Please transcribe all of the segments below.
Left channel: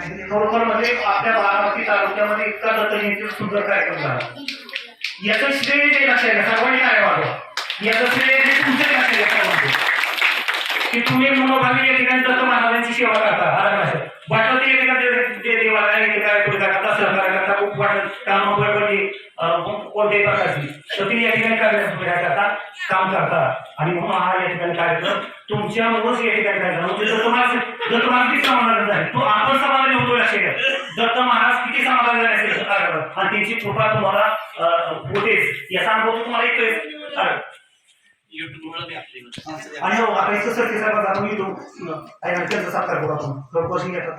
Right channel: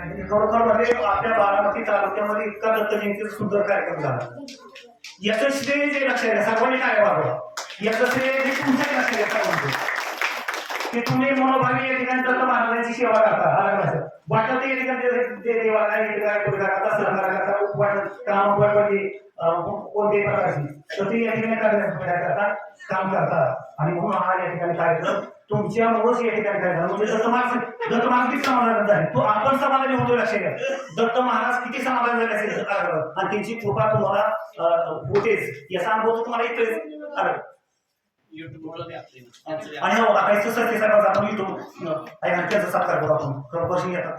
खरोखर म्हणजे आपल्या बारामती तालुक्यामध्ये इतका दत्तजयंती सुंदर कार्यक्रम झाला. याचं श्रेय जे लक्षात घ्या, सर्वांनी काय वाढवा, याचं श्रेय जे तुमच्या लक्षात घेता म्हणतो की तुम्ही मनोभावी या ठिकाणी दत्त महाराजांची सेवा करता. वाटत ते जे देवाला करता सहकार्य करता खूप वाटत काम कोणत्याही प्रकारची तर तुम्ही या ठिकाणी काय करता काम करता. आणि म्हणून हा या ठिकाणी कार्यक्रम तुमच्यामुळेच या ठिकाणी कार्यक्रम म्हणजे दत्त महाराज किती समाधान झाले तो आपण समाधानी होतो. लक्षात घ्या, दत्त महाराज किती समाधान झाले असेल आणि त्यांची कृपा तुम्हाला होतेच याचा अनुभव तुम्हाला येतोय. आणि हो आता इथं सर साहेब आपण येतो त्याचा साकार करू आपण खरोखर येतात.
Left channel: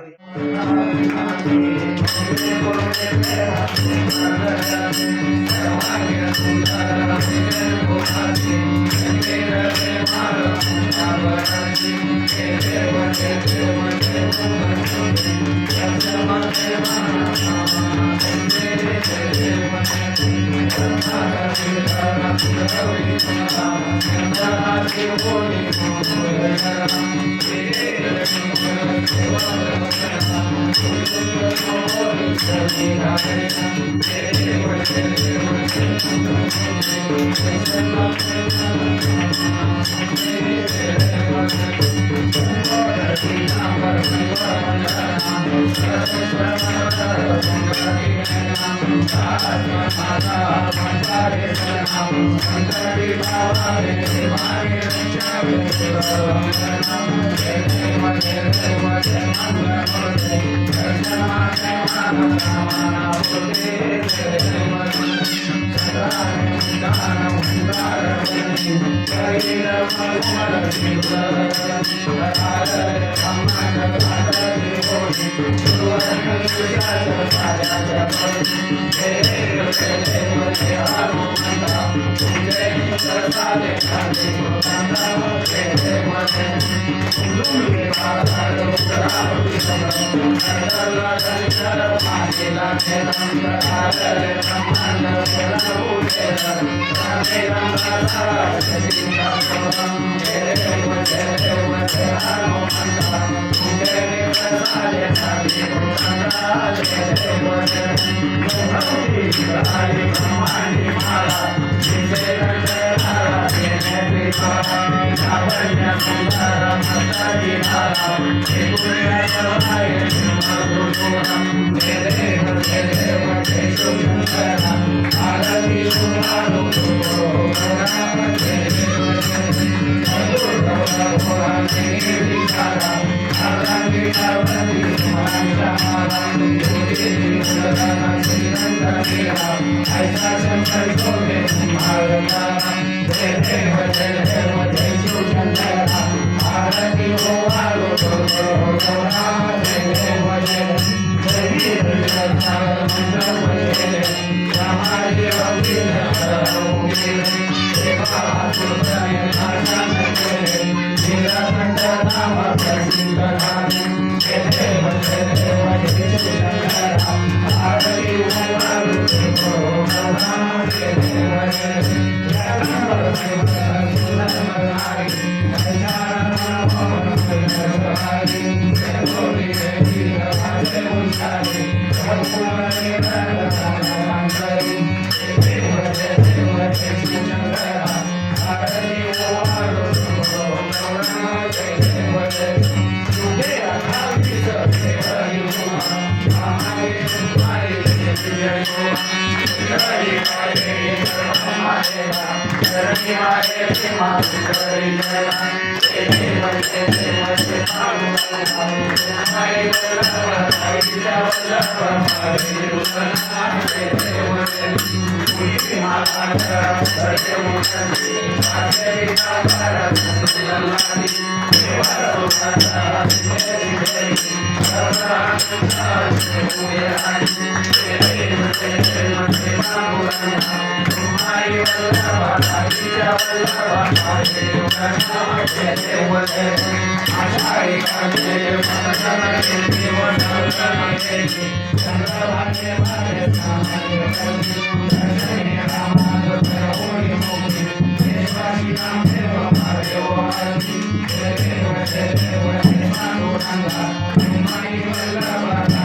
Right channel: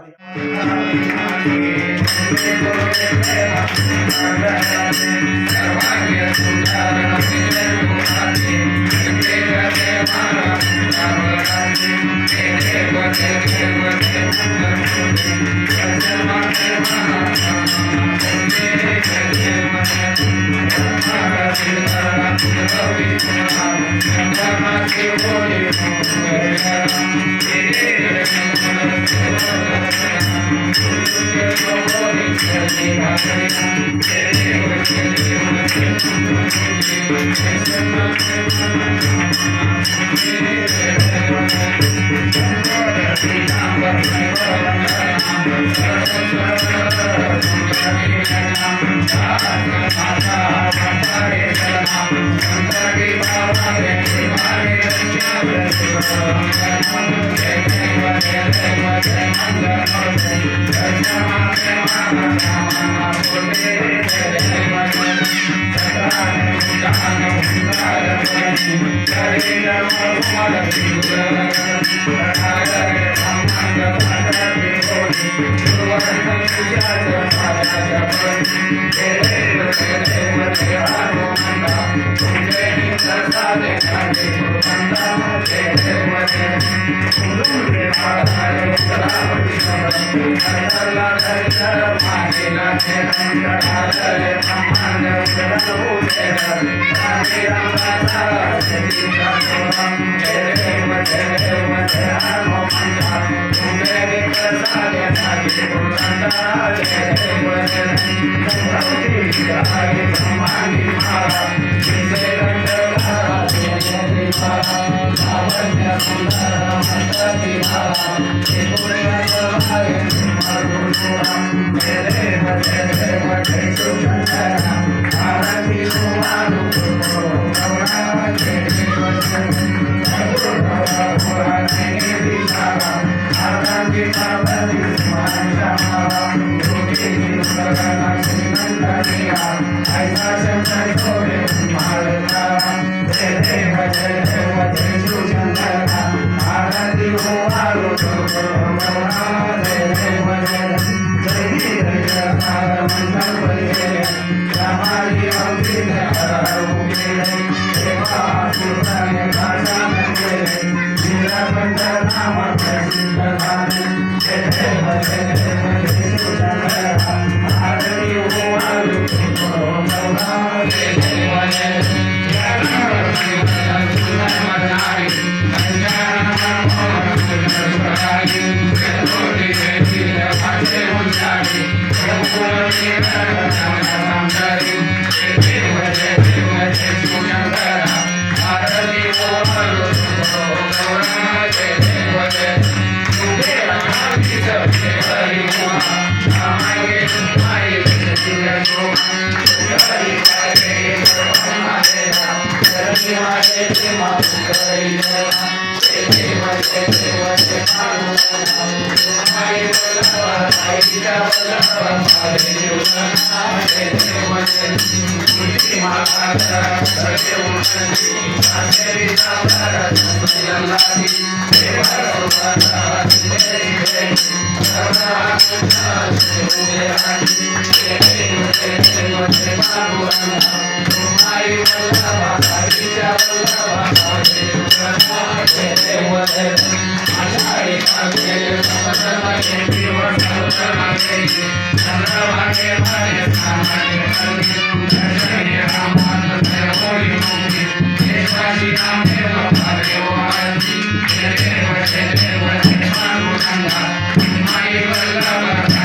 Thank you.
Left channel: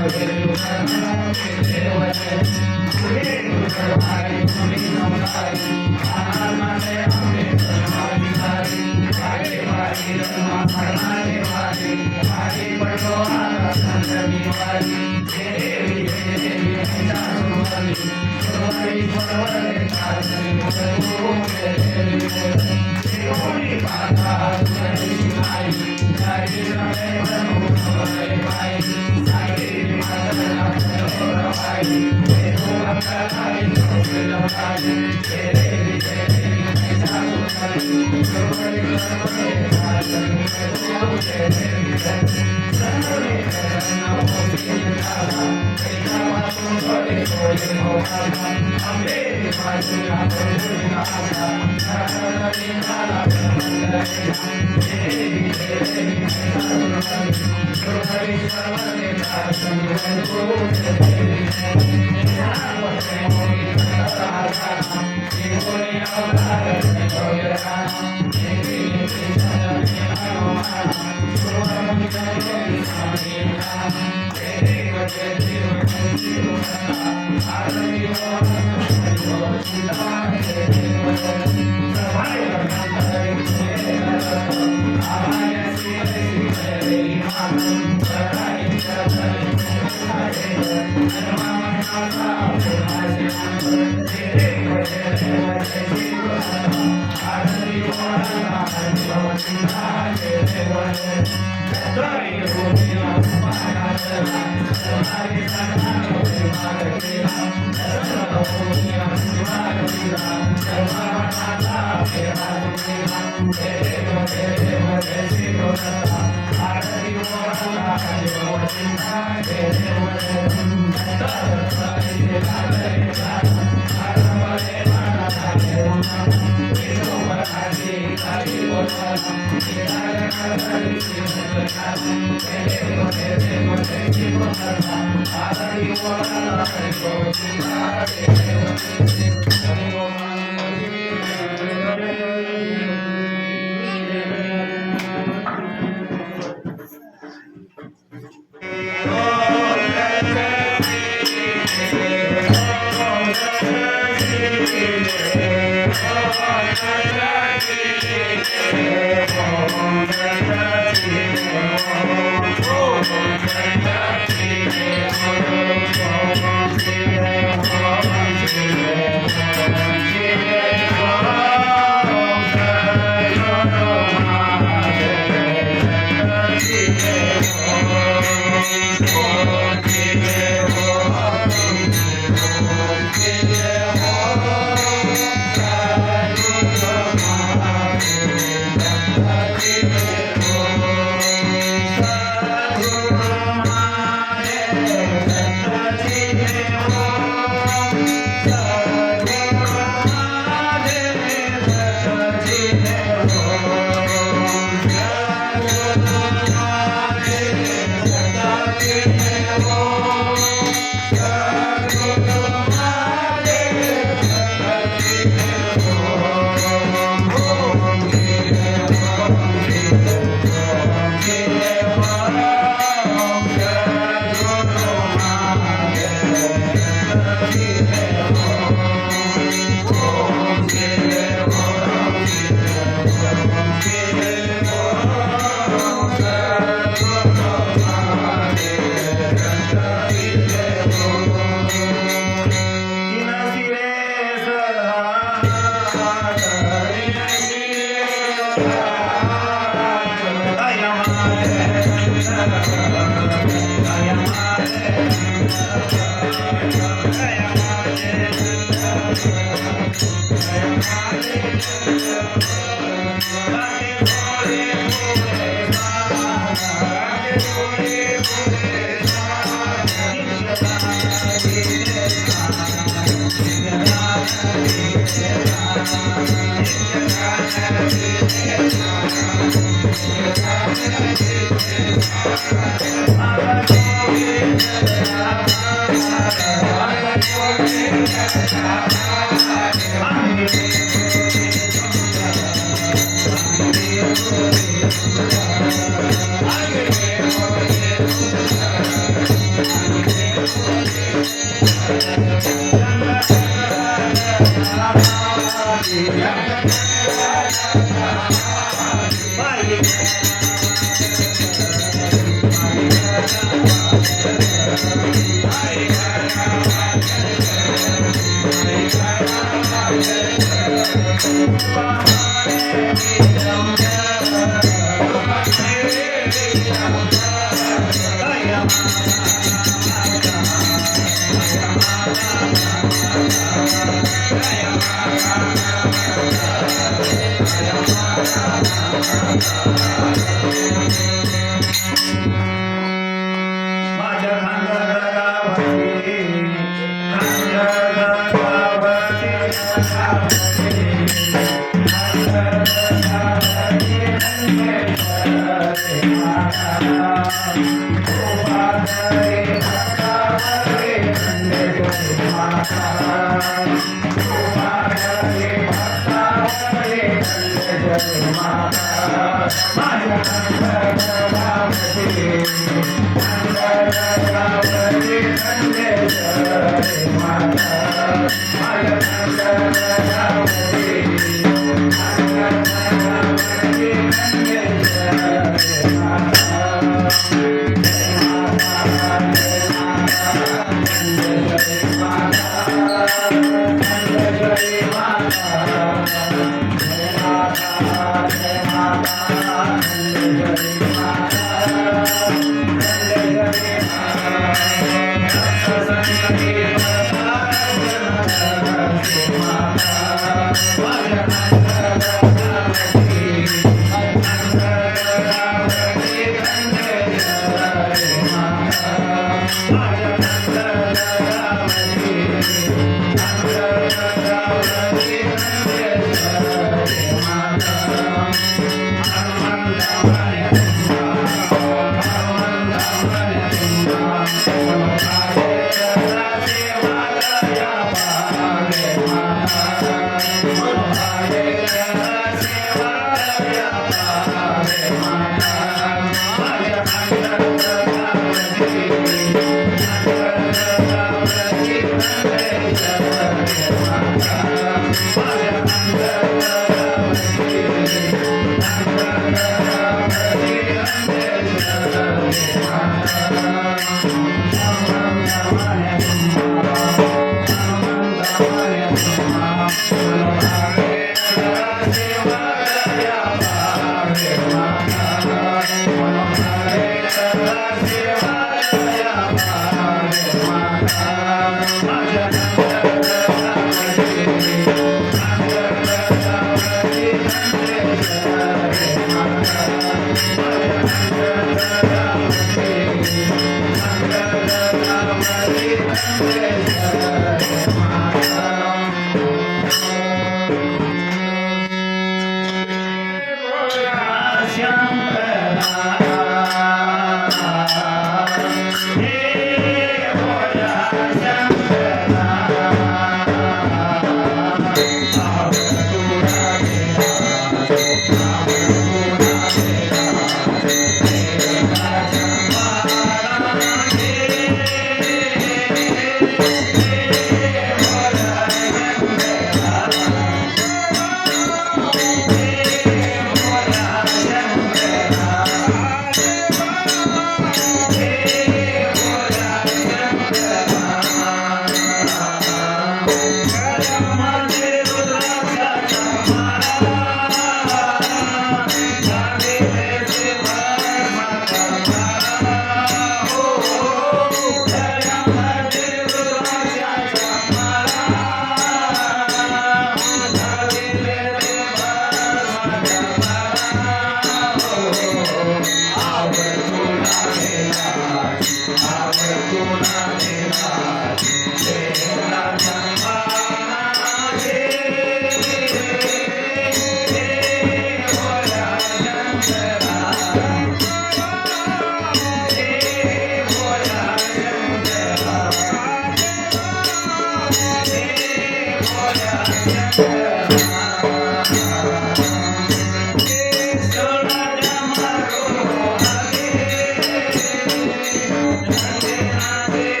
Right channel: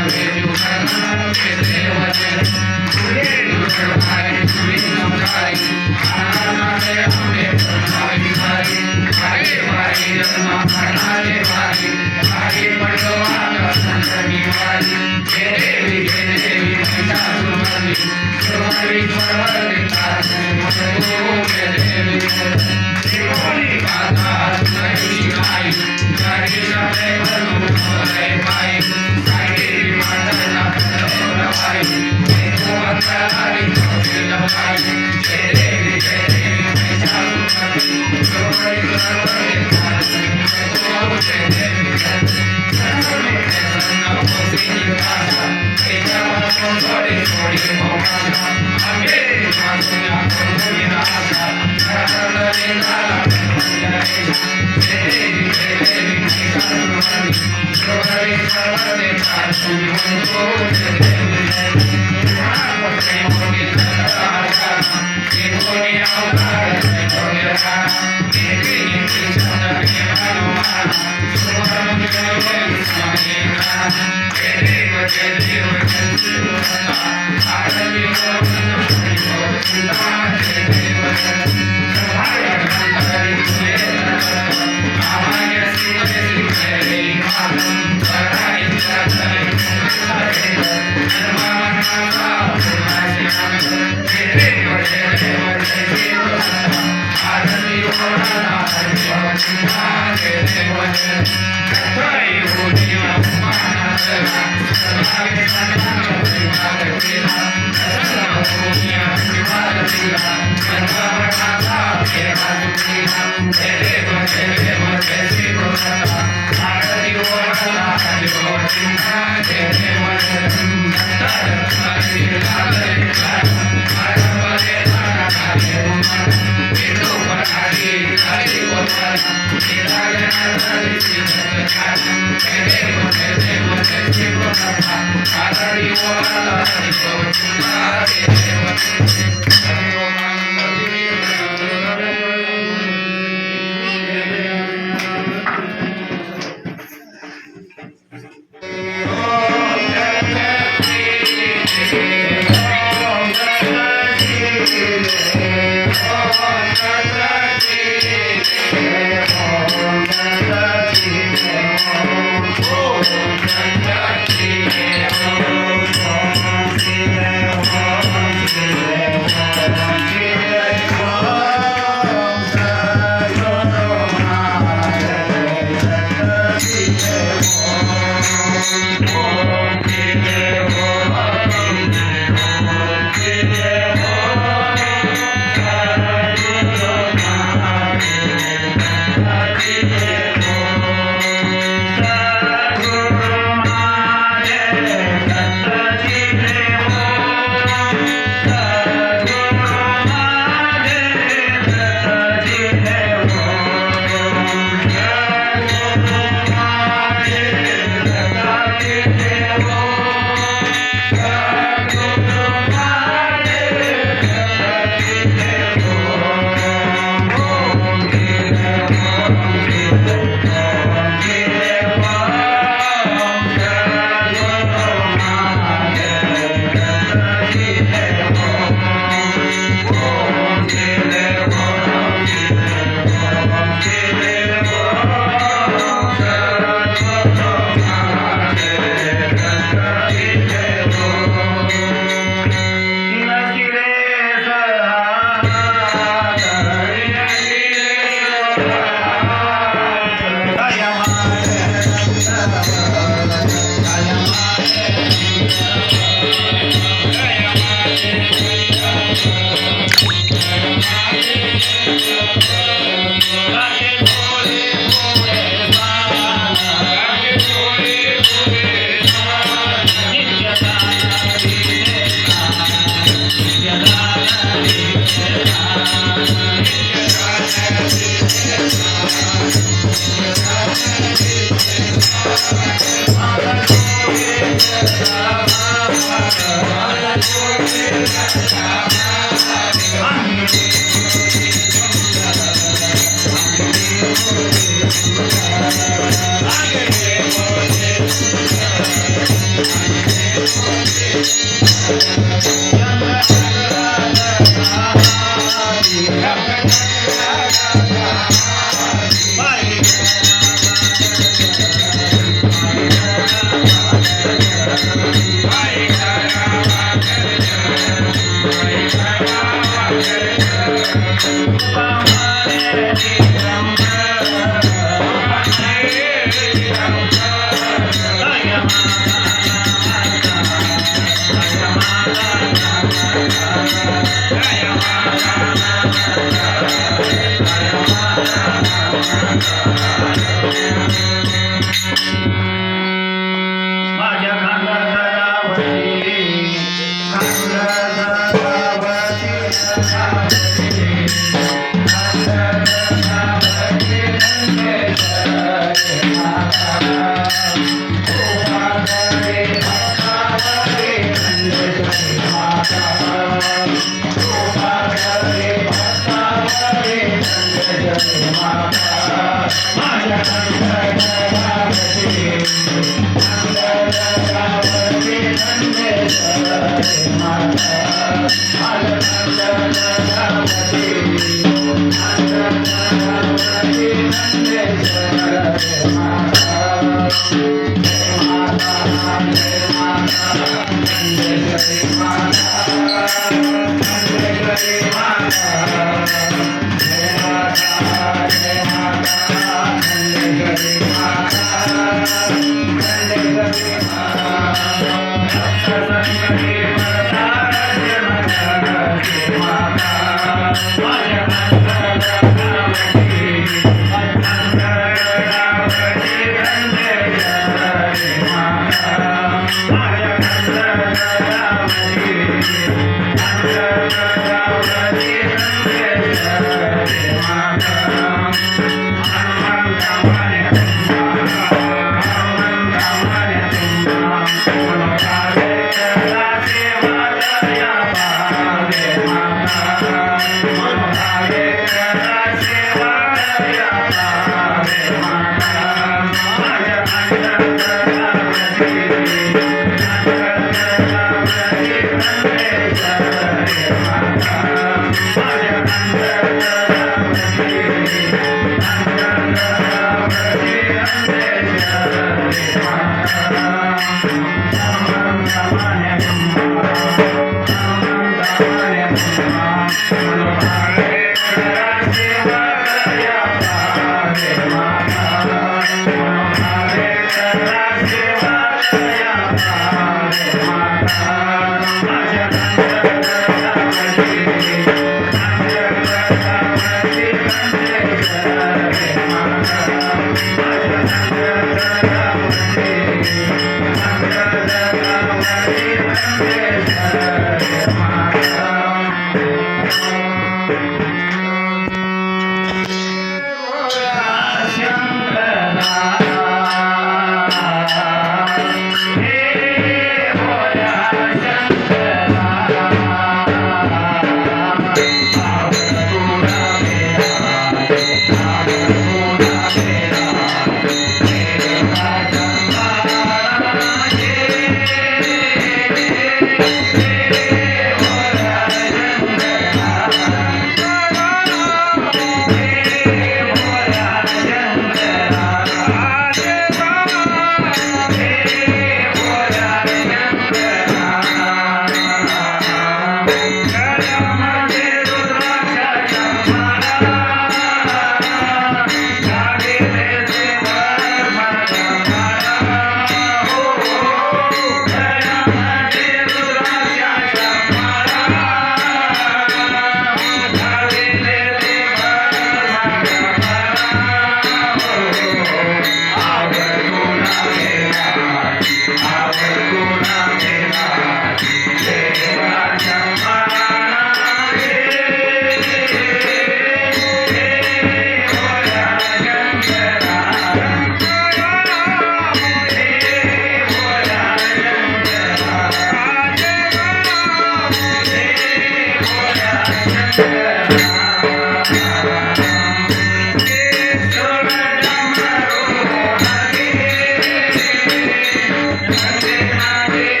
Hare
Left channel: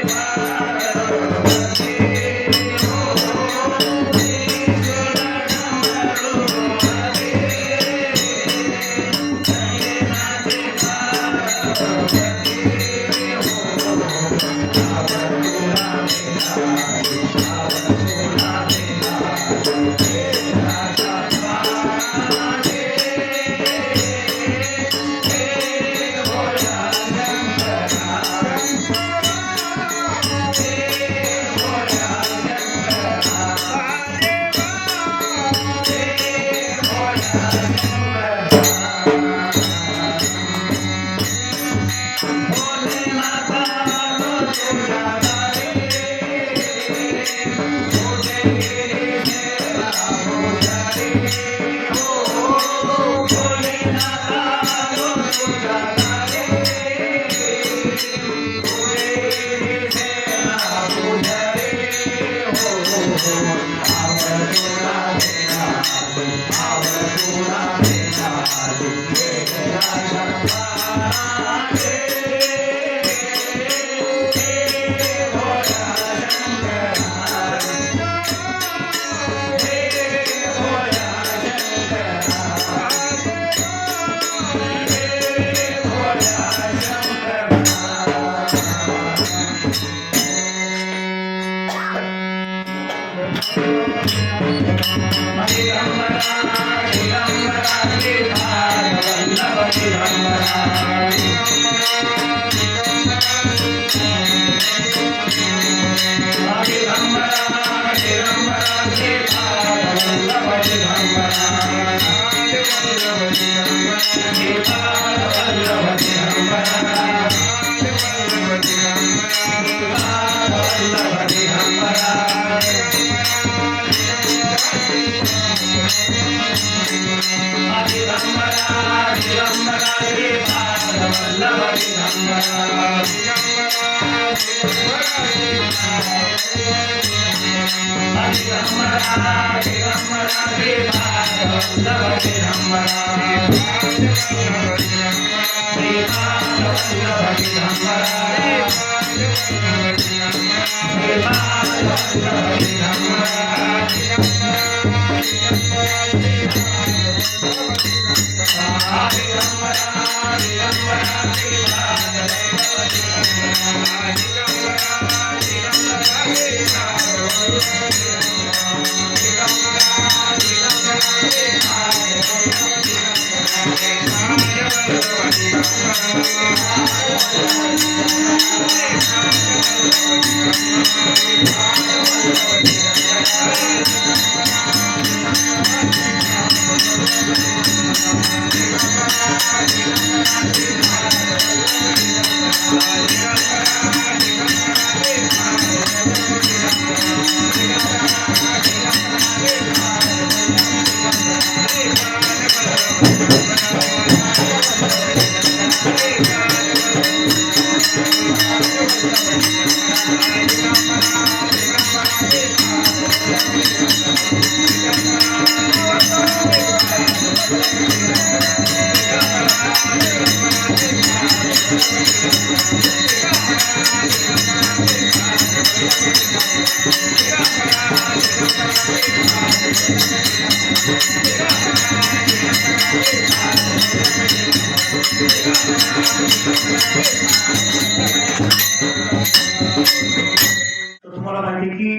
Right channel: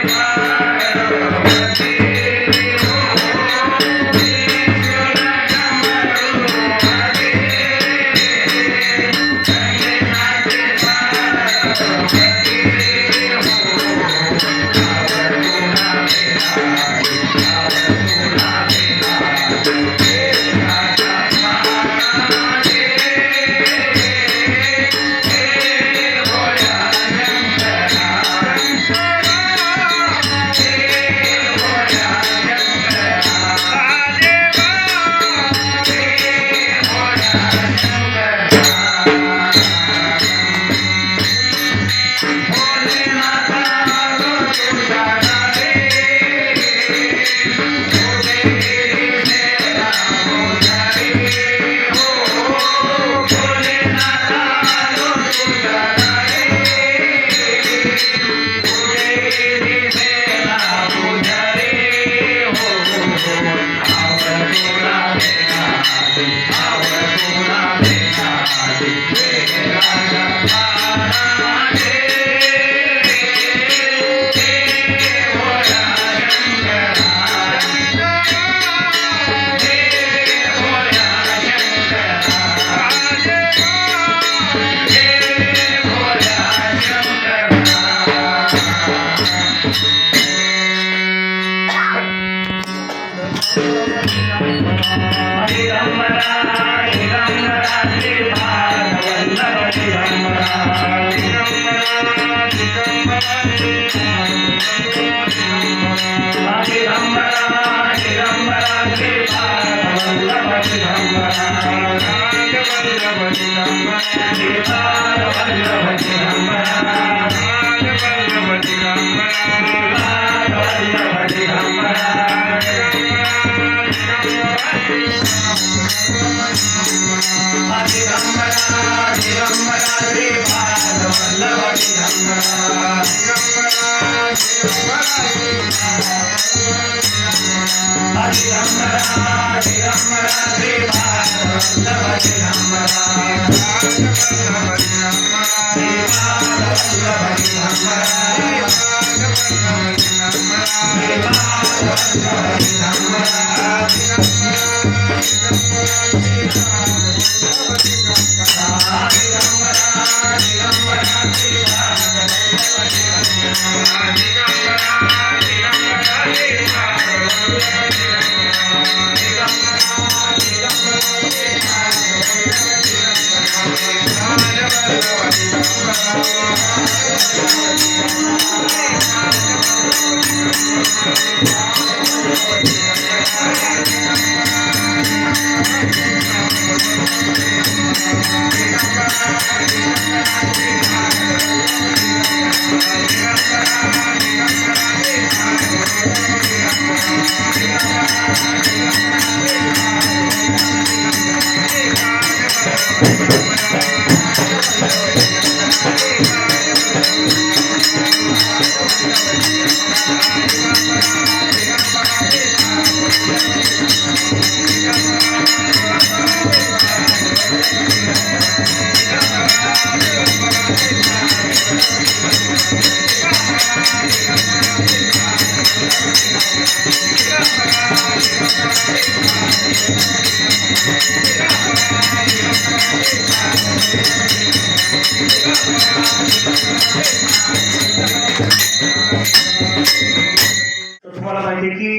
तुम्हाला माहिती आहे की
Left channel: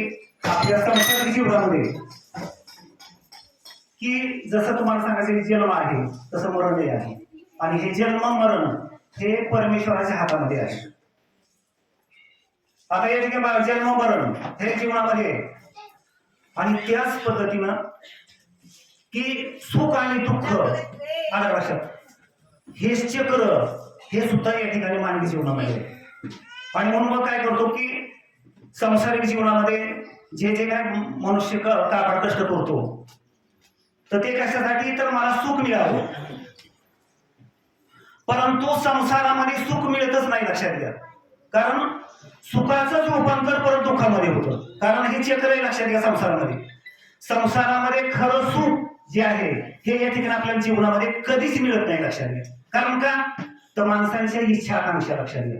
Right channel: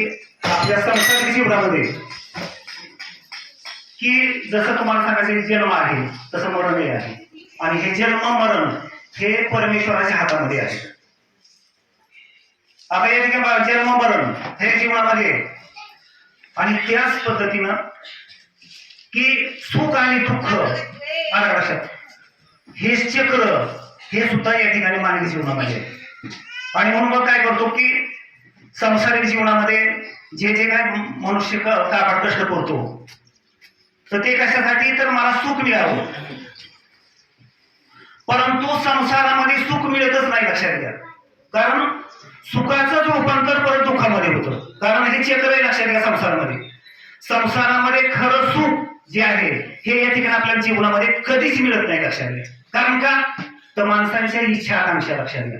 आपल्या संसारिक जीवनामध्ये की जसं तुम्हाला सांगायचं जन्म आहे तसं मरणही आहे आणि हे जन्म मरण हे परमेश्वराच्या हातामध्ये आहे. आता या ठिकाणी जन्म मरण हे जीवनामध्ये आणि त्याच पद्धतीनं की सुख आणि दुःख आलं लक्षात हे चक्र हे सुद्धा या ठिकाणी मानवी जीवनामध्ये आहे. आणि म्हणून मग काय करतो की सांसारिक जीवनामध्ये जे जे काय मनुष्य काबाड कष्ट करतो तर ते कशासाठी तर मला सुख मिळावं, परंतु संसारामध्ये सुख मिळतच नाही लक्षात घ्या. कारण सुखाचं रूपांतर परत दुःखामध्ये होतं. कारण हे चक्र आहे लक्षात घ्या. संसारामध्ये खरं सुख जे आहे हे या ठिकाणी आपल्या जीवनामध्ये कधीच मिळत नाही लक्षात घ्या. कारण का तर माणसांच्या इच्छा आकांक्षा लक्षात घ्या,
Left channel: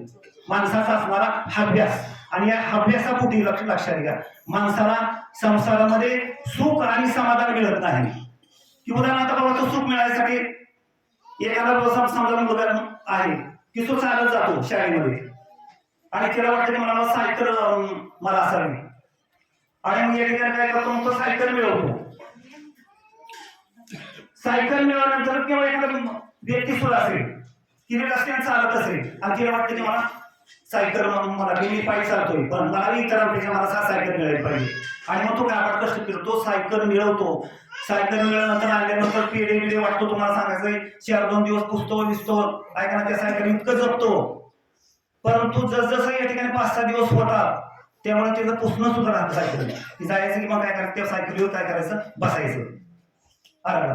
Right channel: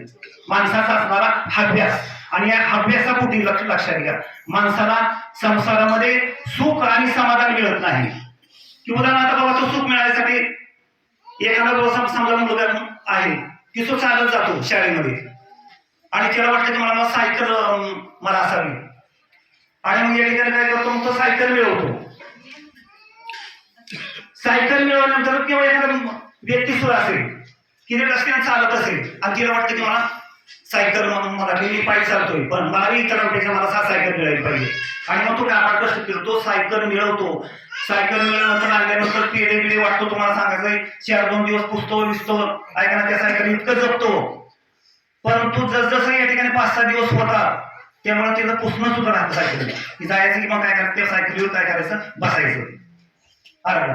माणसाचा असणारा हव्यास आणि या हव्यासापोटी लक्षात घ्या माणसाला संसारामध्ये सुख आणि समाधान मिळत नाही. की उदाहरणार्थ बाबा तो सुख मिळायसाठी एखादा व्यवसाय समजा मुलगा आहे की तो चालत जातो शाळेमध्ये आणि त्याला वाटतं की मला सायकल मला असावी आणि मग या ठिकाणी काय करतो मग तो सायकल मिळवतो. सायकल मिळवल्यानंतर किंवा एखादा व्यक्ती सुद्धा असेल की रस्त्याने चालत असेल आणि तिला वाटतं की मला सायकल मला मी पायी चालतोय पण मला इतरांपेक्षा मला सायकल मिळाली पाहिजे आणि मग तो काबाड कष्ट करतो सायकल मिळवतो. सायकल मिळवल्यानंतर आणल्यानंतर पेढे बिडे वाटतो. तुम्हाला सांगायचंय 4-2 दिवस पुसतो विसतो ऐका ना त्या सायकल इतकं जपतो, परंतु जसजसं या ठिकाणी 5-6 दिवस होतात त्यामुळे त्याचं पुसणं सुद्धा राहतं सायकल की जायचं की मग काय करायचं त्या सायकलीवर काय करायचं बसायचं. अरे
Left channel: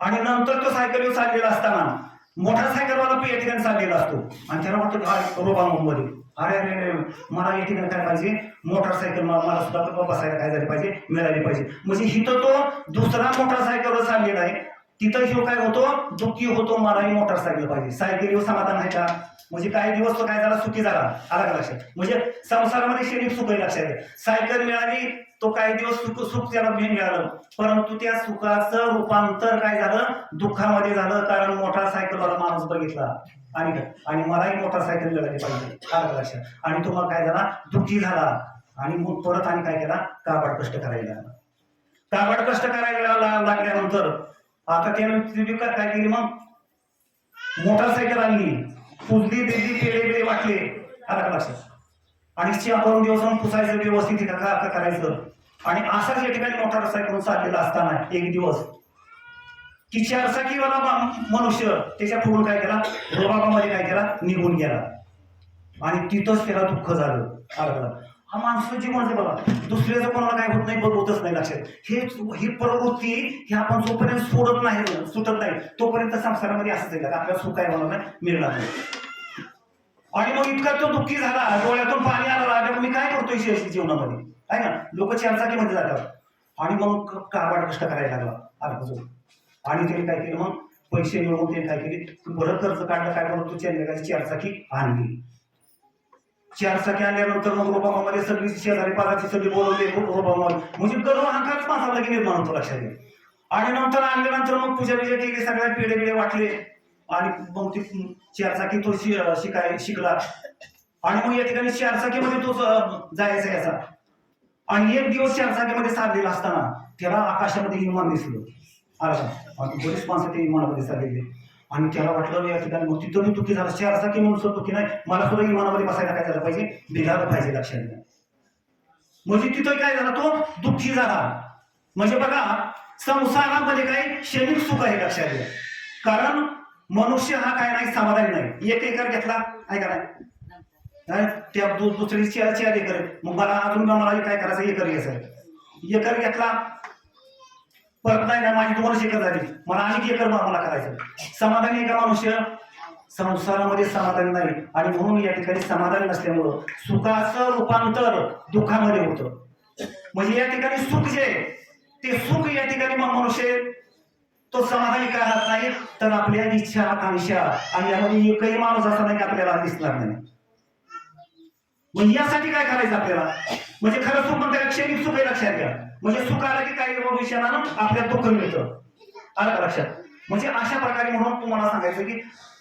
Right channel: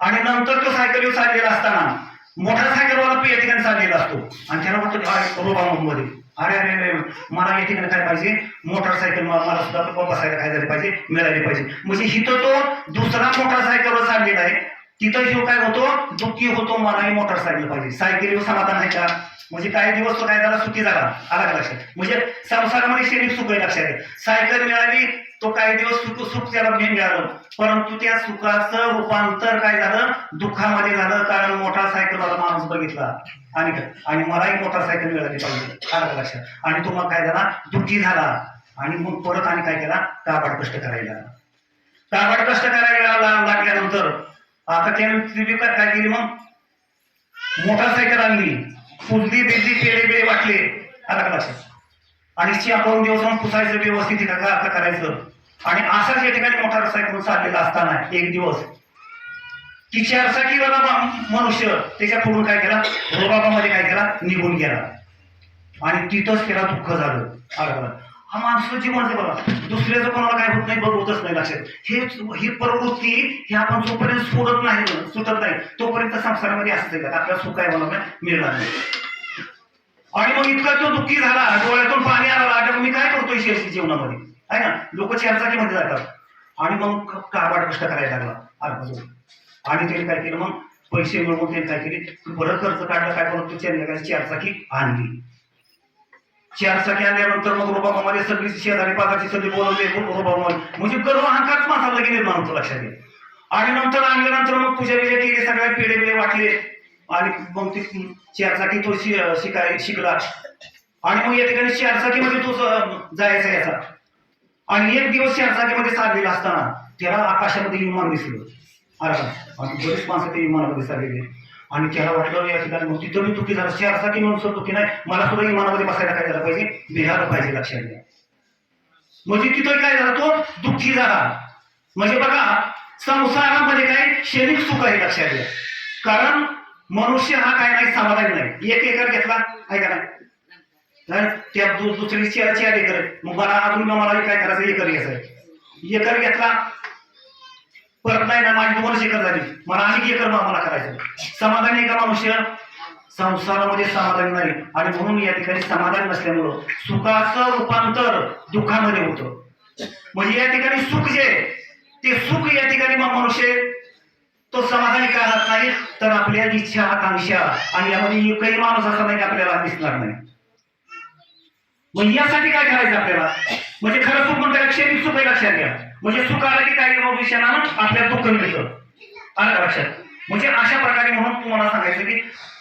आणि नंतर तो सायकलीवर चाललेला असताना मोटरसायकलवाला या ठिकाणी चाललेला असतो आणि त्याला वाटतं रोबामध्ये अरे अरे अरे मला या ठिकाणी काय पाहिजे मोटरसायकल मला सुद्धा बसायला काय झाले पाहिजे मिळाली पाहिजे. म्हणजे हिथं तो दुसरा मोटरसायकलवर चाललेला आहे तिथं शिव काय होतो दुःखी होतो मलाही मोटरसायकल पाहिजे. सायकलीवर समाधान आहे का म्हणजे काही दिवस तो काय झाला सुखी झाला आला का लक्षात. म्हणजे संसारामध्ये शरीर सुख आहे लक्षात आहे. सायकल मिळाली तो काही दिवस सुख त्याला मिळालं परंतु त्या सुखाचं रूपांतर काय झालं दुःखामध्ये झालं. कारण मोटरसायकलवाला माणूस बघितला आणि मलाही मोटरसायकल मिळाली पाहिजे आलं लक्षात. आणि तो मग काय झाला दुःखी झाला आणि मग परत आणि काय केला काबाड कष्ट करायला लागल्यानंतर आता त्याने काय केली मग मोटरसायकल आणली पुजली बिजली पेढे बिडे वाटले आला का लक्षात. आणि 4-2 दिवस पुसायचं व्यवस्थित करायचं आणि असाच या ठिकाणी मोटरसायकल चाललेला असताना एक दिवस की 4-चाकीवाला मनुष्य त्याच्या पुढून काय केला रोबाबामध्ये काय केला निघून गेला. आणि तिथंच त्याला दुःख झालं. अरे हा माणसाचं जीवन आहे बघा, दुसऱ्याचं कोणाला काय होत नाही बघवतच नाही लक्षात. ही प्रवृत्ती ही आपण जोपर्यंत सोडत नाही, सुटत नाही, तोपर्यंत संसारामध्ये असंच आहे का आपल्याला सुख काय होणार नाही, मिळणार नाही. आणि मग इतका तो दुःखी झाला, डोळ्यातून पाणी आलं, मी काय करतोय शेअरची जीवनामध्ये, आहे ना. लोक चारचाकीमध्ये जातात आणि मग काबाड कष्ट करायला लागला अर्थ. आणि त्याने काय केलं, मग पैसे मिळवून त्याने काय केले, बरं कर्ज काढलं, काय करत तो चारचाकी आणली. चारचाकी आणल्यानंतर मग रोबामध्ये सगळी शेजारी पाजारची सगळी बोलवले रोबामध्ये, म्हणजे गर्व अहंकारच माणसाला लगेच निर्माण होतो लक्षात घे. आणि नंतर आणल्यानंतर मग पूजा बिजा केली, सगळ्या पेढे बिडे वाटले आणि मग ती चारचाकी तो शिकला. आणि मग या ठिकाणी चारचाकीमध्ये तो जायचा याचा. आणि एक दिवस चारचाकीमध्ये साधलेला असताना त्याला आकाशामध्ये विमान दिसलं. अरे आणि बरीच माणसं ते विमानामध्ये साधलेली. आणि त्याला वाटलं या ठिकाणी मग तिथं मी दुःखी झालं, चारचाकी म्हणून दुःखी नाही, मला सुद्धा विमानामध्ये बसायला काय झालं पाहिजे, निघालं पाहिजे लक्षात घ्या. म्हणजे तिथं काय झालं, तो दुःखी झाला. म्हणजे बघा संसारामध्ये काय क्षणिक सुख आहे लक्षात घ्या. कारण मनुष्य हा काय नाही, समाधान नाही. एक एकर घेतला आहे का नाही, त्या दुसरी चार एकर, मग मला अजून मला काय करायचं, एकर घ्यायचं. एकर घेतला परत नाही ना, माझी 2 एकर झाली, मला आणि एकर मला करायचं. समाधान आहे का मनुष्य, संसारामध्ये समाधान नाही. आणि म्हणून या ठिकाणी समाधान नसल्यामुळं सुखाचं रूपांतर दुःखामध्ये होतं. म्हणजे या ठिकाणी सुख जे ते सुख या ठिकाणी मनुष्य तो समाधानी करणार नाही, तर आपल्या इच्छा आकांक्षा आणि यामध्ये एकही माणूस असा नाही की आपल्याला दिसणार नाही. मग यासाठी काय करायचं आपल्याला, म्हणजे खरं सुख म्हणतात क्षणिक सुख आहे लक्षात घ्या. म्हणजे सुख आलं की काही विषयानं आपल्याला दुःख मिळतं, आलं का लक्षात. म्हणजे अशा प्रकारे म्हणून तुम्हाला सांगायचं की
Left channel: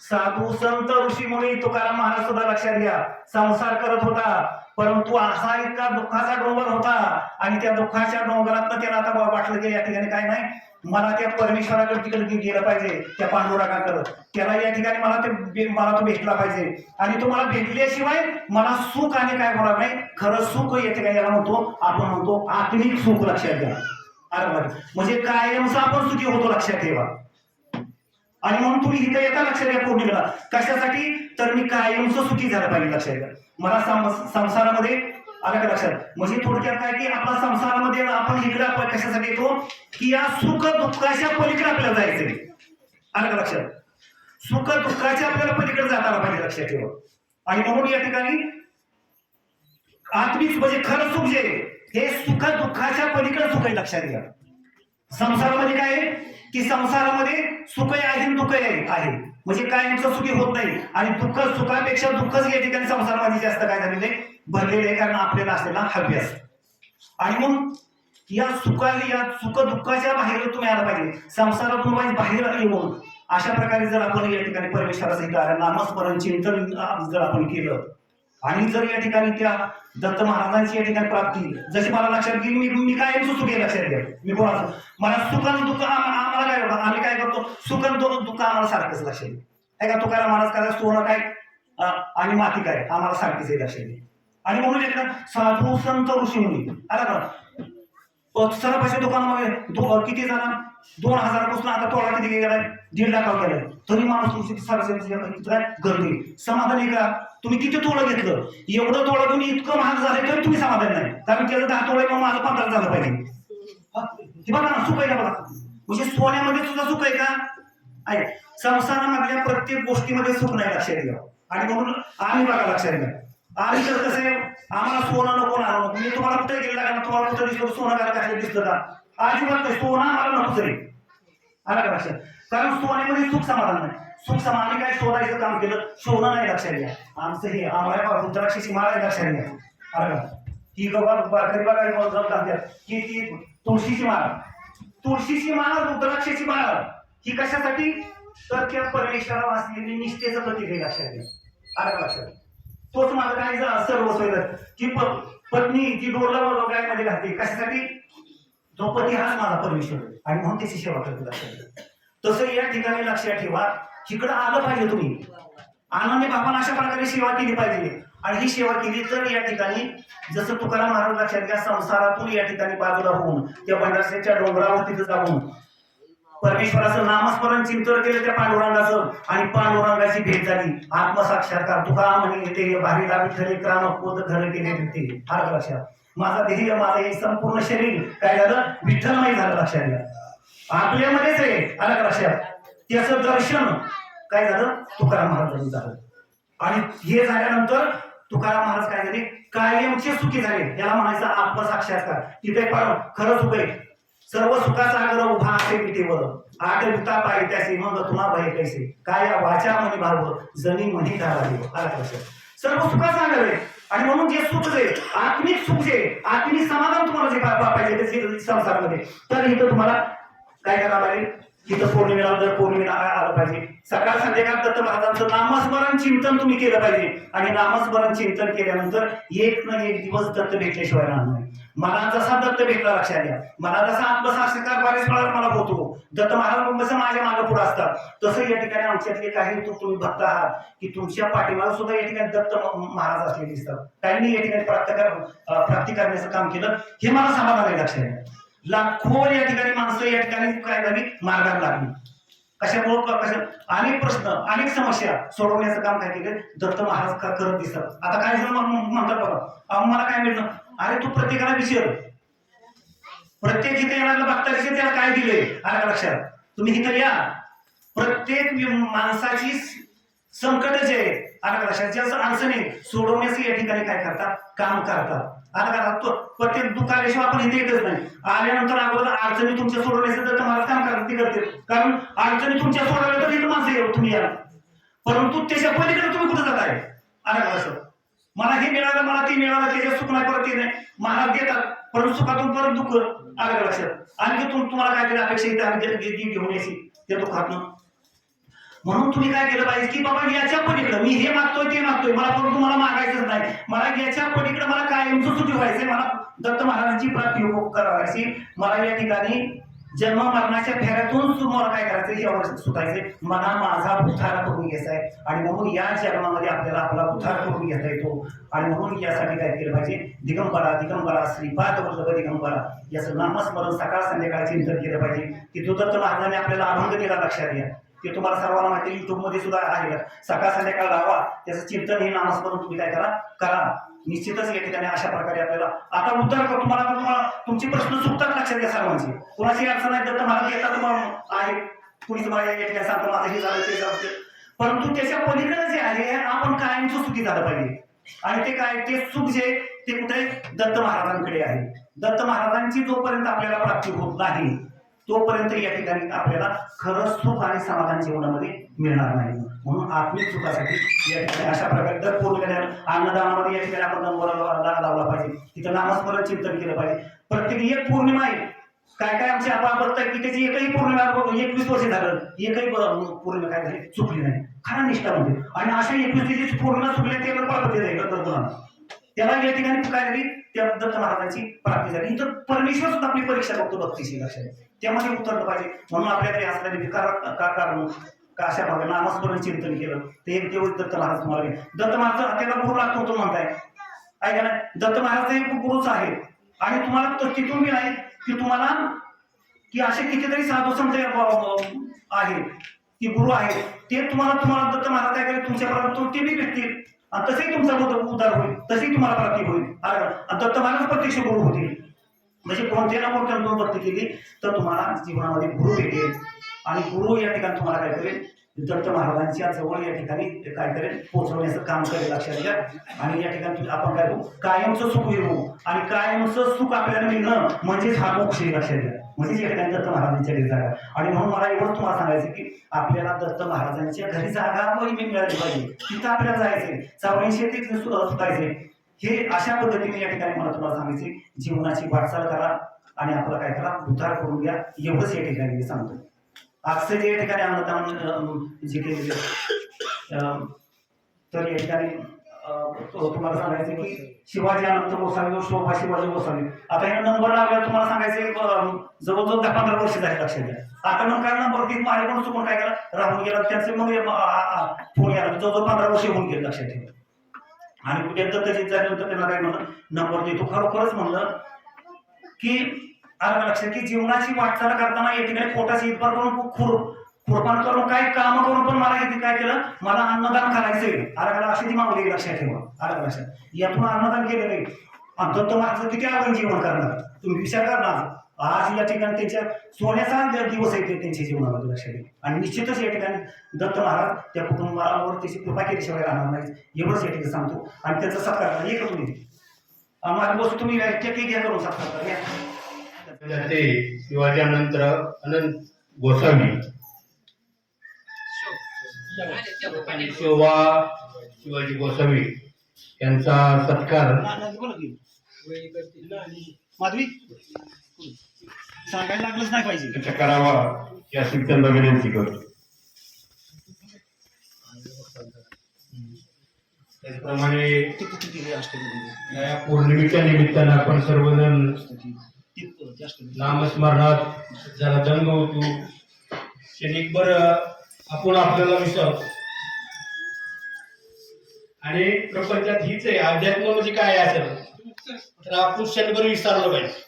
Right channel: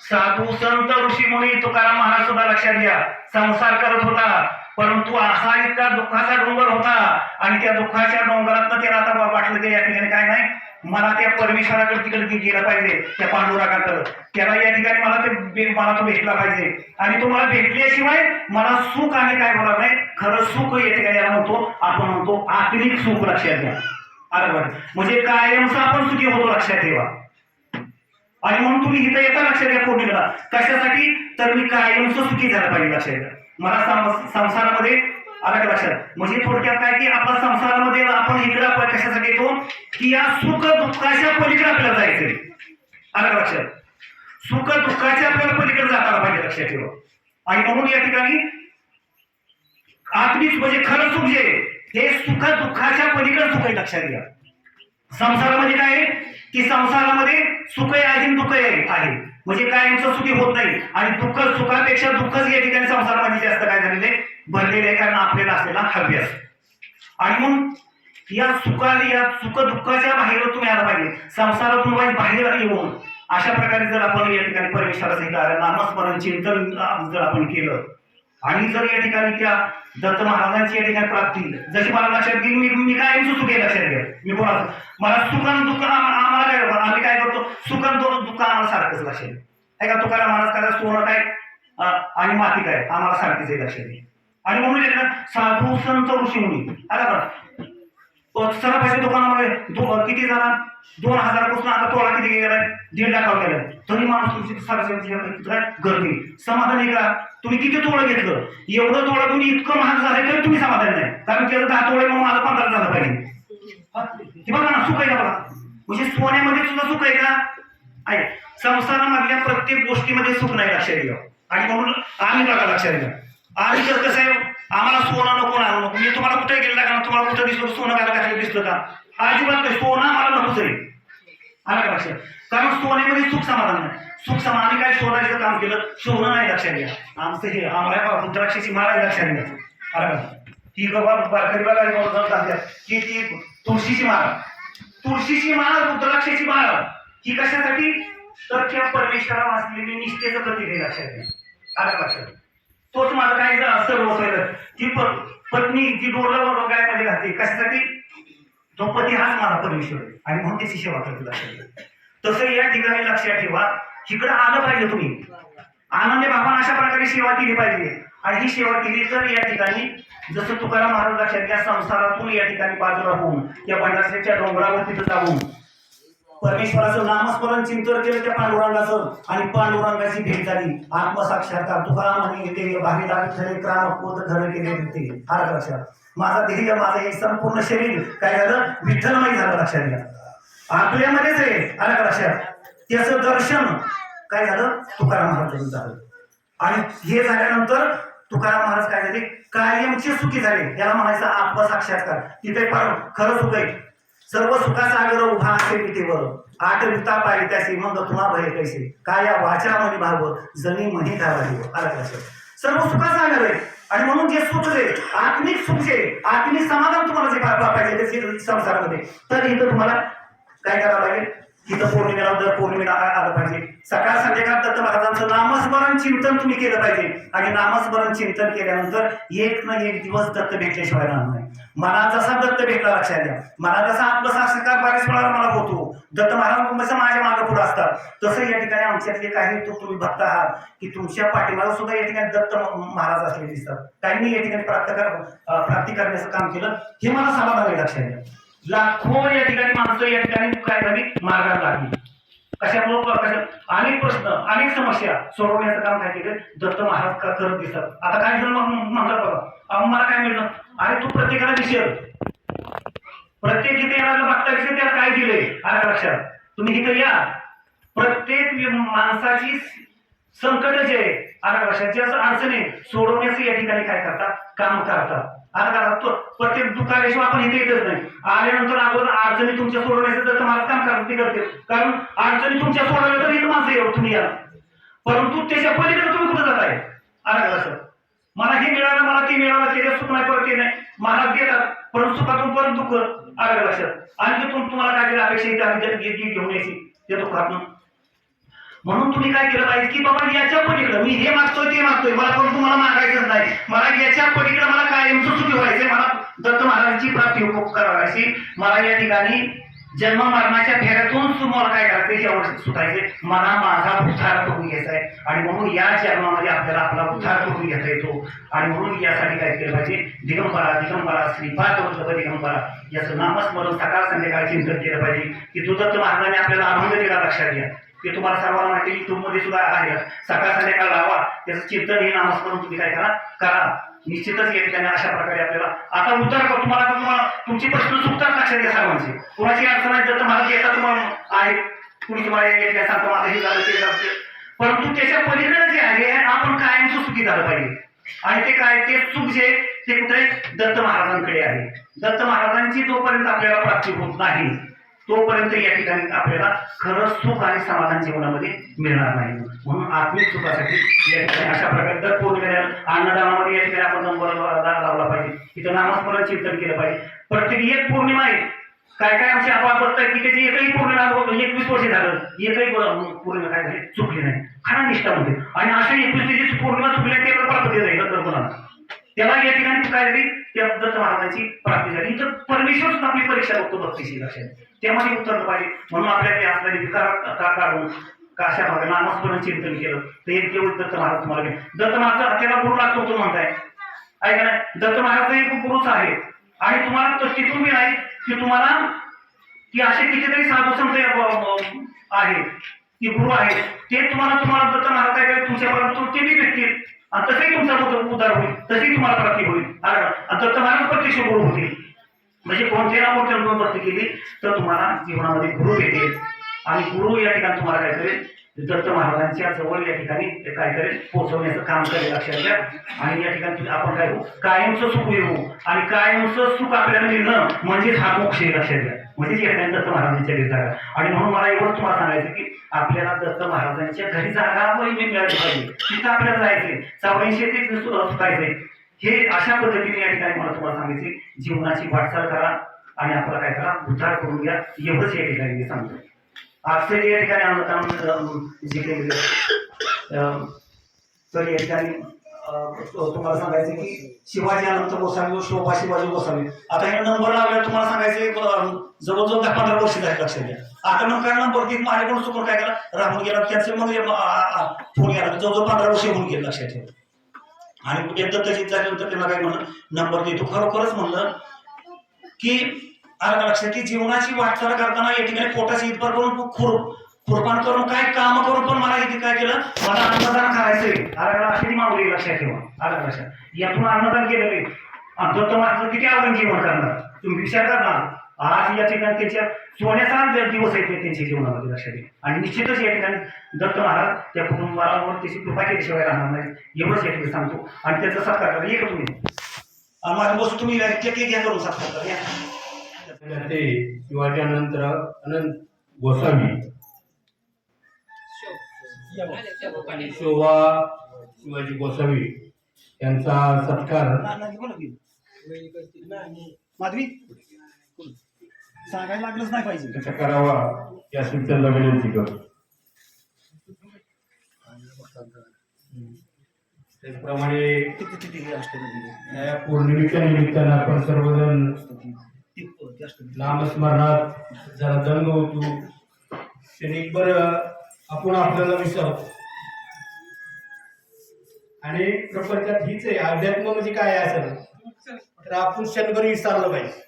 साधू संत ऋषी मुनी तुकाराम महाराज सुद्धा लक्षात घ्या, संसार करत होता, परंतु असा इतका दुःखाचा डोंगर होता. आणि त्या दुःखाच्या डोंगरात त्याला आता वाटलं की या ठिकाणी काय नाही, मला त्या परमेश्वराकडे तिकडे गेलं पाहिजे, त्या पांडुरंगाकडे, त्याला या ठिकाणी मला तो भेटला पाहिजे. आणि तो मला भेटल्याशिवाय मला सुख आणि काय होणार नाही. खरं सुख या ठिकाणी याला म्हणतो, आपण म्हणतो आत्मिक सुख लक्षात घ्या. बरोबर, म्हणजे कायमचा आपण सुखी होतो लक्षात ठेवा. आणि म्हणून तुम्ही इथं येता लक्षात घ्या पौर्णिमेला, कशासाठी, तर मी कायमचं सुखी झालं पाहिजे लक्षात घ्या. मला संसारामध्ये आलं का लक्षात. म्हणजे थोडक्यात काय की आपल्या संसारामध्ये आपण इकडं कशासाठी येतो, की या सुख दुःखाच्या पलीकडे आपल्याला जायचंय. आलं का लक्षात. सुख दुःखाच्या आपल्याला पलीकडे जाताना पाहिजे लक्षात ठेवा. आणि म्हणून या ठिकाणी आत्मिक म्हणजे खरं सुख जे हे सुख दुःखाच्या पलीकडे सुख आहे लक्षात घ्या. संसारामध्ये काय आहे की संसारामध्ये सुख आहे दुःख आहे, म्हणजे कायमचं सुखी होत नाही. आणि दुःख सुखापेक्षा दुःखच या ठिकाणी संसारामध्ये जास्त काय झालेले भरलेले आहे, कारण आपल्याला असलेला अभ्यास. आणि मग या सुख दुःखाच्या बाहेर तुम्ही आला पाहिजे, संसारातून बाहेर येऊन अशा प्रकारे जर आपण या ठिकाणी परमेश्वराचं नामस्मरण चिंतन जर आपण केलं, आणि जर या ठिकाणी त्या दत्त महाराजांची या ठिकाणी प्राप्ती जशी मला लक्षात घेऊन मी काय सुख आहे लक्षात घ्या. मी बोला मला सुख आणि दुःख आम्हाला काय होतं, आम्ही काय करतो, सुख आणि दुःख आम्हाला सारखंच लक्षात घ्या. आहे का. तुकाराम महाराज काय सोनं काय आणि माती काय आम्हाला सारखीच आहे लक्षात घ्या. आणि म्हणून साधू संत ऋषी मुनी आला सर पैसे दुकानामध्ये किती जण 2000 पासून आता तोळा किती गेलाय 1.5 लाखावर गेलाय, तरी माणूस गर्दी समाधान आहे का. तुम्ही किती तोळं घेतलं, एवढं तोळं तुम्ही इतकं महाग झालंय तरी तुम्ही समाधान नाही, कारण त्याचं 10 तोळे मग माझं 15 झालं पाहिजे. बघा ना सुख आहे का बघा. म्हणजे सोन्यामध्ये सुद्धा सुख आहे का, आहे. संसारामधल्या प्रत्येक गोष्टीमध्ये सुख नाही लक्षात घ्या. आणि म्हणून आम्ही बघा लक्षात घ्या, आम्ही तर कसं आहे, आम्हाला सोनं नको ना नको. मी तुम्हाला कुठे गेला का, तुम्हाला कुठं दिसलं सोनं घालायला दिसलं का, अजिबात नाही. सोनं मला नको तरी आला का लक्षात. कारण सोन्यामध्ये सुख समाधान नाही. सुख आम्ही काय शोधायचं काम केलं, सोनं नाही लक्षात घ्या. आमचं हे आम्हाला रुद्राक्षाची माळ लक्षात घ्या. आला का ती बारकरी बघा की ती तुळशीची माळ रुद्राक्षाची माळ ही कशासाठी, तर त्या परमेश्वरावर असलेली निष्ठेचं प्रतीक आहे लक्षात घ्या. आला लक्षात. तोच माझं काही सर्व ती पत्नी जी डोरला गायमध्ये घालते कशासाठी, तो पती हाच माझा परमेश्वर आहे आणि म्हणून त्याची सेवा करते लक्षात घ्या. तसं या ठिकाणी लक्षात ठेवा, इकडं आलं पाहिजे तुम्ही आनंदी भावानं अशा प्रकारे सेवा केली पाहिजे. आणि ही सेवा केली तर या ठिकाणी जसं तुकाराम महाराज लक्षात घ्या, संसारातून या ठिकाणी बाजूला होऊन त्या भंडारच्या डोंगरावर तिथं जाऊन परमेश्वराचं नामस्मरण चिंतन केलं त्या पांडुरंगाचं आणि पांडुरंगाची भेट झाली. आत्मसाक्षात्कार तुका म्हणे ते भारी विठ्ठले क्रामपोत खरं केले ते आलं लक्षात. माझा देह माझं हे संपूर्ण शरीर काय झालं विठ्ठलमय झालं लक्षात घ्या. आपल्यामध्येच आहे आलं लक्षात. त्याचं दर्शन काय झालं तुकाराम महाराजांचं झालं. आणि हे झाल्यानंतर तुकाराम महाराज काय झाले कायमचे सुखी झाले. याला म्हणायचं आत्मसाक्षात्कार. तिथे खरं सुख आहे. सर्व सुखाचा आगर उभा असे पिठेवर आठ विता पाहिजे त्याचे मग तुला भय कैसे काय या वाचा म्हणे भाव जणी म्हणे धावा आला कसं सर्व सुखाचा आगर आहे. आणि म्हणून जे सुख जे आत्मिक सुख जे आत्मिक समाधान तुम्हाला जे पाहिजे संसारामध्ये तर इथं तुम्हाला काय करावं लागेल. इथं पौर्णिमेला दर पौर्णिमेला आलं पाहिजे. सकाळ संध्याकाळ दत्त महाराजांचं नामस्मरण चिंतन तुम्ही केलं पाहिजे. आणि नामस्मरण चिंतन केल्यानंतर एक ना एक दिवस दत्त भेटल्याशिवाय राहणार नाही. मला जसा दत्त भेटला लक्षात घ्या. मला जसा आत्मसाक्षात्कार बऱ्याच वेळा मला होतो. दत्त महाराज माझ्या मागे पुढे असतात तसं या ठिकाणी आमच्यातले काही तुम्ही भक्त आहात की तुमच्या पाठीमागे सुद्धा या ठिकाणी दत्त महाराज असले दिसतात. काहींनी या ठिकाणी प्राप्ती करण्याचं काम केलं हे मला समाधान आहे लक्षात घ्या. लाखो या ठिकाणी माणसं या ठिकाणी काय झाली मार्गाला लागली. कशामुळे अनेक प्रश्न अनेक समस्या सोडवण्याचं काम काय केलं दत्त महाराज करत दिसतात. आता काय जण म्हणतात बघा मला काय मिळतं अरे तू प्रत्येकाला विचार प्रत्येक इथे येणारा बघता विषय त्याला काय दिलंय आला लक्षात. तुम्ही इथं या प्रत्येक माणसाची संकट जे आला लक्षात ज्या अडचणी सोडवण्याचं या ठिकाणी काय करतात काम करतात. प्रत्येक दुःखाविषयी आपण इथे येतच नाही. आल्यानंतर अगोदर अडचणी तुमच्या सोडवण्याचं तर तुम्हाला काम करते कारण अडचणी तुमच्या सोडवल्या तर इथं माणसं येऊ तुम्ही या. परंतु त्याच्या पलीकडे तुम्ही कुठं जात आहे आला कसं. मला हे मिळालं मला ते मिळालं त्याच्या सुख नाही परत ते नाही मला देतात परंतु सुखातून परत दुःख आलं लक्षात. आणखी तुम्हाला काय केलं अपेक्षा इथे आम्ही घेऊन यायची त्या दुःखातून. म्हणून तुम्ही काय केलं पाहिजे की बाबा याच्या पलीकडे मी हे मागतोय ते मागतोय मला परंतु मला मागायचंच नाही. मला याच्या पलीकडे मला कायमचं सुखी व्हायचंय. मला दत्त महाराजांची प्राप्ती करायची. मला या ठिकाणी जन्म मरणाच्या फेऱ्यातून तुम्हाला काय करायचंय यावर सुटायचंय. मला माझा उद्धार करून घ्यायचा आहे. आणि म्हणून या जन्मामध्ये आपल्याला आपला उद्धार करून घेता येतो. आणि म्हणून यासाठी काय केलं पाहिजे दिगंबरा दिगंबरा श्रीपाद वल्लभ दिगंबरा याचं नामस्मरण सकाळ संध्याकाळ चिंतन केलं पाहिजे. की तो दत्त महाराजांनी आपल्याला अभंग दिला लक्षात घ्या. ते तुम्हाला सर्वांना माहिती युट्यूब मध्ये सुद्धा आहे. सकाळ संध्याकाळ लावा त्याचं चिंतन हे नामस्मरण तुम्ही काय करा निश्चितच या ठिकाणी अशा प्रकारे आपल्याला आता उत्तर तुम्हाला तुमचे प्रश्न सुटतात लक्षात घ्या सर्वांचे. कोणाची अडचण आहे दत्त महाराज येतात तुम्हाला आहे कुणी तुम्हाला या ठिकाणी सांगतो माझं हे झालं ते झालं परंतु त्याच्या पलीकडे जे आहे आपण कायमचं सुखी झालं पाहिजे. आणि ते काय ते सुख जे ते कुठे दत्त महाराजांकडे आहे. दत्त महाराजांची जोपर्यंत आपल्याला प्राप्ती होत नाही तोपर्यंत या ठिकाणी आपल्याला खरं सुख आणि समाधान जीवनामध्ये मिळणार नाही. म्हणून आत्मिक सुखासाठी या ठिकाणी अशा प्रकारे दर पौर्णिमेला अन्नदानामध्ये या ठिकाणी आपण नंबर लावला पाहिजे. इथं नामस्मरण चिंतन केलं पाहिजे. प्रत्येक एक पौर्णिमा आहे काय काय आमची आपण बघताय की त्याची एकही पौर्णिमा 21 वर्ष झालं एकही पौर्णिमा काय झाली चुकली नाही खरा निष्ठामध्ये. आणि अशा 21 पौर्णिमा चुकल्या ते प्राप्ती जाईल त्याला या ठिकाणी काय झाली त्या दत्त महाराजांची प्राप्ती झाली. इथं परमेश्वर सुद्धा आपली परीक्षा बघतो भक्तीची लक्षात त्यामध्ये उत्तर पाहिजे. म्हणून आपल्याकडे असलेले विकार काढून अशा भागाने नामस्मरण चिंतन केलं तर एक दिवस दत्त महाराज तुम्हाला दत्त महाराज त्याला गुरु लागतो तो म्हणताय ऐका नाही दत्त महाराज एक गुरुच आहे. आणि तुम्हाला तिथून बी नाही की तुम्हाला की असे कितीतरी साधू संत आहे की गुरु आहे ते तुम्हाला दत्त महाराज काय करेल तुमच्यापर्यंत ते बी भेटतील आणि तसेही तुमचा उद्धार होईल तसेही तुम्हाला प्राप्ती होईल. दत्त महाराज प्रत्यक्ष गुरु होतील. म्हणजे कोणत्या ना कोणत्या भक्ती केली तर तुम्हाला जीवनामध्ये गुरु भेटेल. आणि गुरु या ठिकाणी तुम्हाला काय करेल दत्त महाराजांच्या जवळ या ठिकाणी काय करेल पोहोचवण्याचं काम करेल लक्षात घ्या. आणि या ठिकाणी आपण काय होऊ कायमचं सुख येऊ आणि कायमचं सुख आपल्याला मिळणं म्हणजेच हा मोक्ष लक्षात घ्या. म्हणजेच या ठिकाणी दत्त महाराजांच्या घरी जागा. आणि म्हणून मला एवढं तुम्हाला सांगायचं की आपल्याला दत्त महाराजांच्या घरी जागा मिळाली पाहिजे. तिथं आपल्याला जायचंय 84 ते सुटायचंय. हे अशा पद्धतीने या ठिकाणी मला तुम्हाला सांगायचे जीवनाची वाटचाल करा आणि आपला काय करा उद्धार करून घ्या एवढंच या ठिकाणी मी सांगतो. आजचे जे या ठिकाणी अन्नदान जे केलेले तर या ठिकाणी तुम्हाला सांगायचं की शिवाजी अनंत गोसावी व शोभा शिवाजी गोसावी आता हे नंबर लावला तुम्हाला सांगायचे जवळजवळ 10-15 वर्ष झाले लक्षात घ्या. आता नंतर नंबर की माझ्याकडून चुकून काय केला राहून गेला त्यांचे मग फोन यायला जवळजवळ 15 वर्ष होऊन गेले लक्षात ठेवा. आणि एकदा तशीच झाल्यानंतर त्यांना काय म्हणलं नंबर देतो खरोखरच म्हणलं की आलं का लक्षात की जीवनाची वाटचाल करताना या ठिकाणी पोटाची इतपर करून खुरपान करून काय काम करून पण मला इथे काय केलं, मला अन्नदान करायचंय. आलं का अशी ती मागणी लक्षात ठेवा. आलं का लक्षात, यातून अन्नदान केलेलं आहे. आणि दत्त महाराज किती अवघड जीवन करणार तुम्ही विचार करणार. आज या ठिकाणी त्यांच्या सोन्याचा दिवस आहे त्यांच्या जीवनामध्ये लक्षात घ्या. आणि निश्चितच या ठिकाणी दत्त महाराज त्या कुटुंबावर त्याची कृपा केल्याशिवाय राहणार नाही, एवढंच या ठिकाणी सांगतो. आणि त्याचा सत्कार करा. एक तुम्ही माझा बस तुम्ही घ्या करून सत्कार करा. ते शिवाजीनंतर अनंत गोसावी आणि शोभा शिवाजी गोसावी यांचा सत्कार माधवी सांगायला लागलंच नाही पाहिजे करावा या सूचना विनंती करतो. त्याचप्रमाणे या पौर्णिमेच्या निमित्तानं आपण सर्वजण नामस्मरणात जरा दंग होतो. क्षणिकभर आपण आपल्याला विसरतो आणि प्रपंचात हीच आहे. अध्यात्म म्हणजे काय असेल तर आपण क्षणभर विसरलं पाहिजे.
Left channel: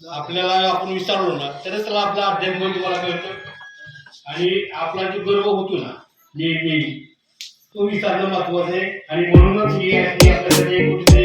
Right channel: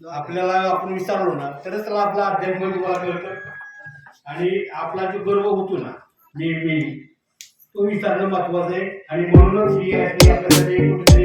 आपल्याला आपण विसरलो ना तरच त्याला आपला अध्यात्म तुम्हाला कळतो. आणि आपला जो गर्व होतो ना नेहमी तो विसरणं महत्वाचं आहे. आणि म्हणूनच ही आपल्याला